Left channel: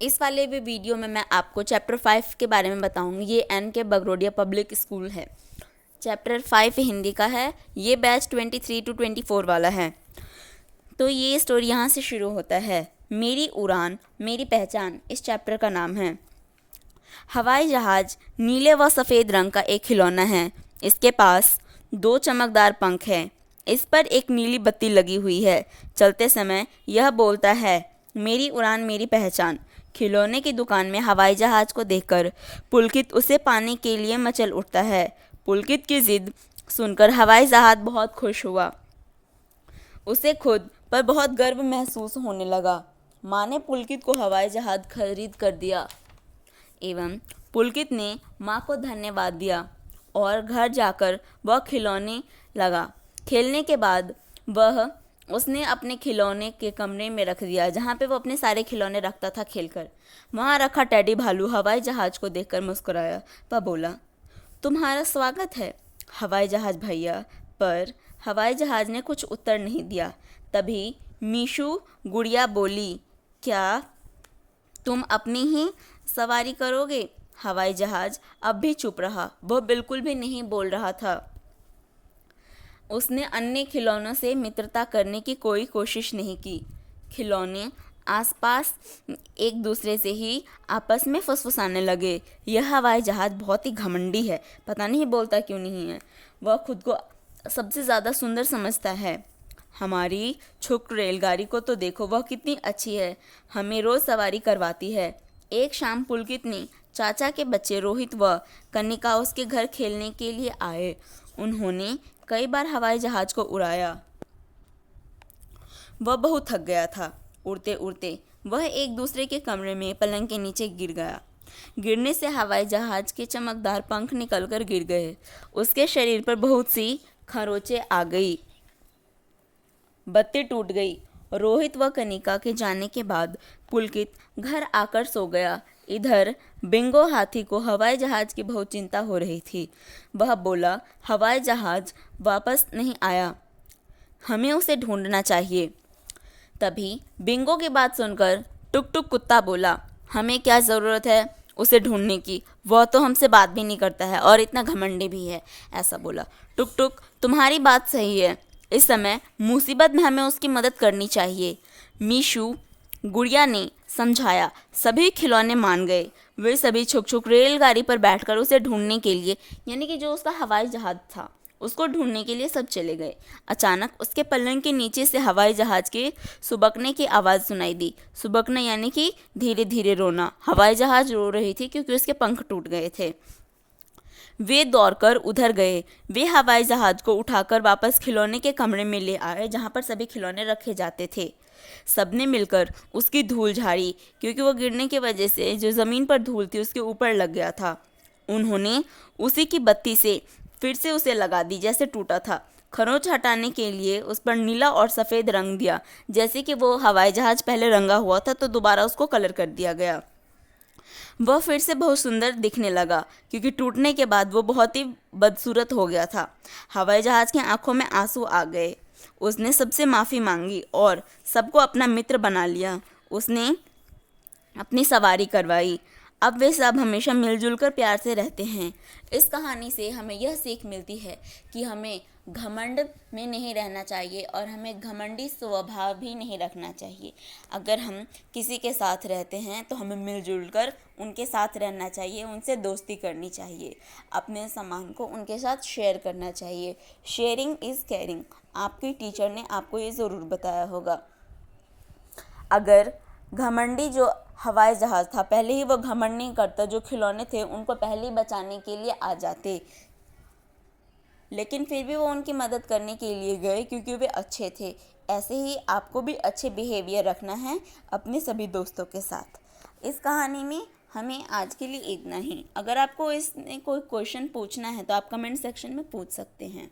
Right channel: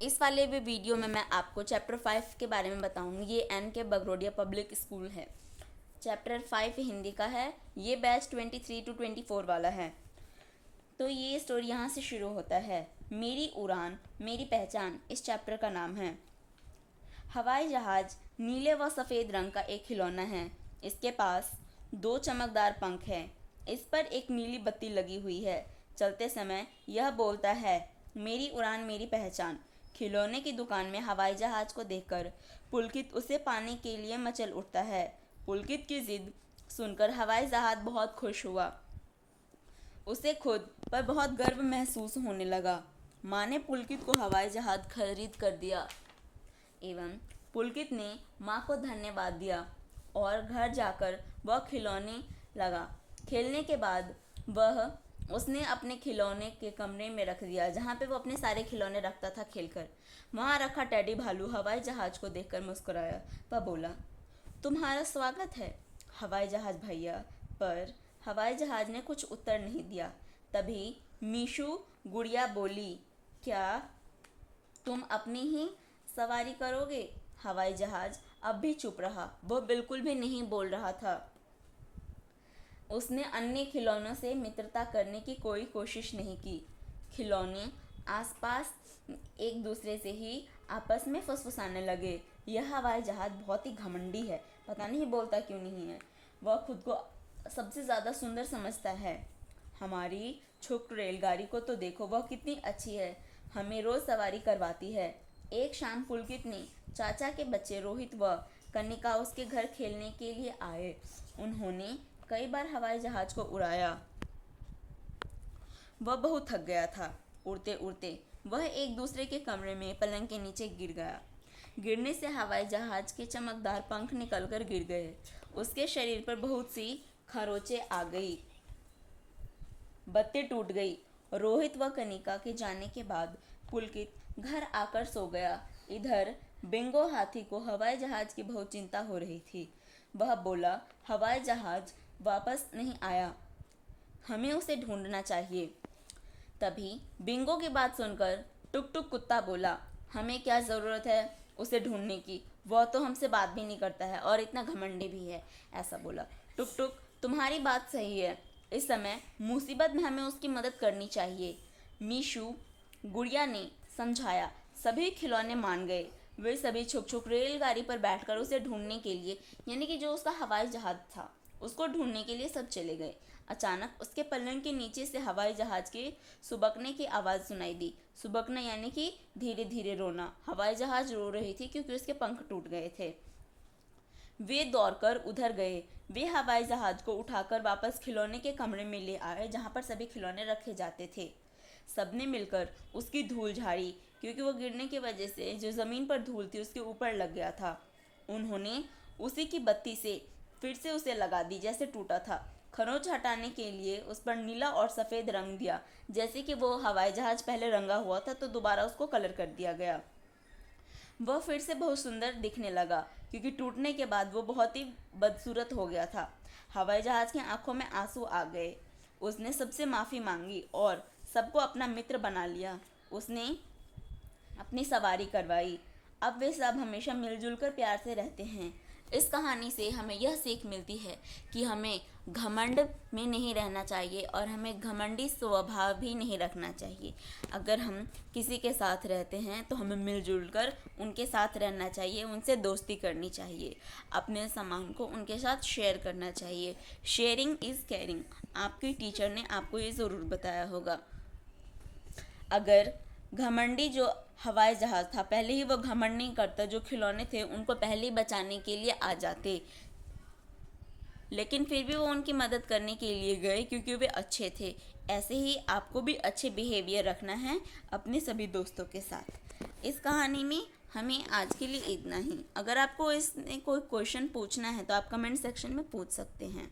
इस वाले भी वीडियो में मैं आपको चैप्टर 5 के बारे में बताऊंगी। ये एन के बगरोडिया पब्लिक स्कूल है। चैप्टर 5 हिंदी का है। ये बैच 23 to 24 वाला है। तो ये स्टोरी यहाँ से शुरू होता है। मेरी उड़ान मेरी पहचान इस चैप्टर का नाम है। हवाई जहाज़ नीले व सफ़ेद रंग का एक खिलौना है। इसके पास 2 चमकदार पंख हैं। इस पर एक नीली बत्ती लगी हुई है। चलते समय यह बोलता है, मेरी उड़ान मेरी पहचान। खिलौने की दुकान में हवाई जहाज़ को देखकर पुलकित उसे पाने के लिए मचल उठता है। पुलकित की जिद सुनकर हवाई जहाज़ बहुत खुश हुआ। उसे खुद पर बहुत गर्व महसूस होने लगा। माँ ने पुलकित को हवाई जहाज़ खरीद कर दिया एवं पुलकित ने माँ को धन्यवाद दिया और घर जाकर वह खिलौने लगा। खेलने के बाद वह उसने अपने खिलौने के कमरे में रख दिया, जहाँ पे वो अपने सारे खिलौने रखता था खेलकर। वहाँ रखा टेडी भालू हवाई जहाज़ को देखकर मुस्कुराया। वह बोला, तुम्हारा स्वागत है हवाई जहाज़ भैया। पर हवाई जहाज़ ने कुछ उत्तर नहीं दिया। तभी मीशू गुड़िया बोली, क्या तुम अपनी ही सवारी करोगे? हवाई जहाज़ अब भी चुप रहा। वह बिल्कुल भी नहीं बोल रहा था। उसने अन्य खिलौनों से मित्रता करने की कोई कोशिश नहीं की। खिलौने आसपास एक दूसरे से ही आपस में फुसफुसाने लगे। यह हवाई जहाज़ बहुत ही घमंडी है, पता नहीं बोलता क्यों नहीं है। वह खुद को सबसे ज़्यादा सुंदर समझता है। हमारी छुक रेलगाड़ी को तो देखो, वह कितनी अच्छी है, हमें रोज़ सवारी करवाती है। एक शाम पुलकित ने चाचा के बच्चे रोहित व कनिका उसके घर खेलने के लिए आए। उन्होंने कई बार हवाई जहाज़ को उड़ाया। वह बहुत थक गया था। उड़ते उड़ते वह एक दूसरे के कमरे में पलंग के नीचे गिर गया। गिरने से हवाई जहाज़ के चमकदार पंख निकलकर गिर गए। उसके शरीर पर बहुत सी खरोंचें आ गई। बत्ती टूट गई। रोहित व कनिका के जाने के बाद पुलकित घर आकर सो गया। इधर बिंगो हाथी को हवाई जहाज़ की बहुत चिंता हो रही थी। वह बोला, हवाई जहाज़ वापस नहीं आया, हमें उसे ढूंढना चाहिए। तभी बिंगो की बात सुनकर टुक टुक कुत्ता बोला, हमें क्या ज़रूरत है उसे ढूंढने की, वह तो हमसे बात भी नहीं करता है और इतना घमंडी भी है। ऐसा बोला। टुक टुक, तुम्हारी बात सही है, इस समय मुसीबत में हमें उसकी मदद करनी चाहिए। मीशू गुड़िया ने समझाया। सभी खिलौने मान गए। वे सभी छुक छुक रेलगाड़ी पर बैठकर उसे ढूंढने के लिए, यानी कि जो उसका हवाई जहाज़ था, उसको ढूंढने के लिए सब चले गए। अचानक उसके पलंग के नीचे से हवाई जहाज़ के सुबकने की आवाज़ सुनाई दी। सुबकना यानी कि धीरे धीरे रोना। हवाई जहाज़ रो रही थी क्योंकि उसके पंख टूट गए थे। वे दौड़कर उधर गए। वे हवाई जहाज़ को उठाकर वापस खिलौने के कमरे में ले आए, जहाँ पर सभी खिलौने रखे जाते थे। सबने मिलकर उसकी धूल झाड़ी, क्योंकि वो गिरने की वजह से जो ज़मीन पर धूल थी उसके ऊपर लग गया था। उन्होंने उसी की बत्ती से फिर से उसे लगा दी जैसे टूटा था। खरोंच हटाने के लिए उस पर नीला और सफ़ेद रंग दिया। जैसे कि वो हवाई जहाज़ पहले रंगा हुआ था तो दोबारा उसको कलर कर दिया गया। वह फिर से बहुत सुंदर दिखने लगा, क्योंकि टूटने के बाद वो बहुत ही बदसूरत हो गया था। हवाई जहाज़ की आंखों में आंसू आ गए। उसने सबसे माफ़ी मांगी और सबको अपना मित्र बना लिया। उसने अपनी सवारी करवाई। अब वे सब हमेशा मिलजुल कर प्यार से रहते हैं। इस कहानी से हमें यह सीख मिलती है कि हमें घमंड में नहीं रहना चाहिए और हमें घमंडी स्वभाव भी नहीं रखना चाहिए। अगर हम किसी के साथ रहते हैं तो हमें मिलजुल कर उनके साथ रहना चाहिए, उनसे दोस्ती करनी चाहिए, अपने सामान को उनके साथ शेयर करना चाहिए। शेयरिंग इज़ केयरिंग, आपकी टीचर ने आपको ये ज़रूर बताया होगा। अगर घमंडी जो हवाई जहाज़ था, पहले ही वो घमंड नहीं करता, जो खिलौने थे उनको पहले ही बचाने के लिए आ जाते, लेकिन फिर भी वो उनकी मदद करने के लिए गए क्योंकि वे अच्छे थे। ऐसे ही आपको भी अच्छे बिहेवियर रखना है अपने सभी दोस्तों के साथ। इस कहानी में हमें आज के लिए इतना ही। अगर आपको इसमें कोई क्वेश्चन पूछना है तो आप कमेंट सेक्शन में पूछ सकते हैं।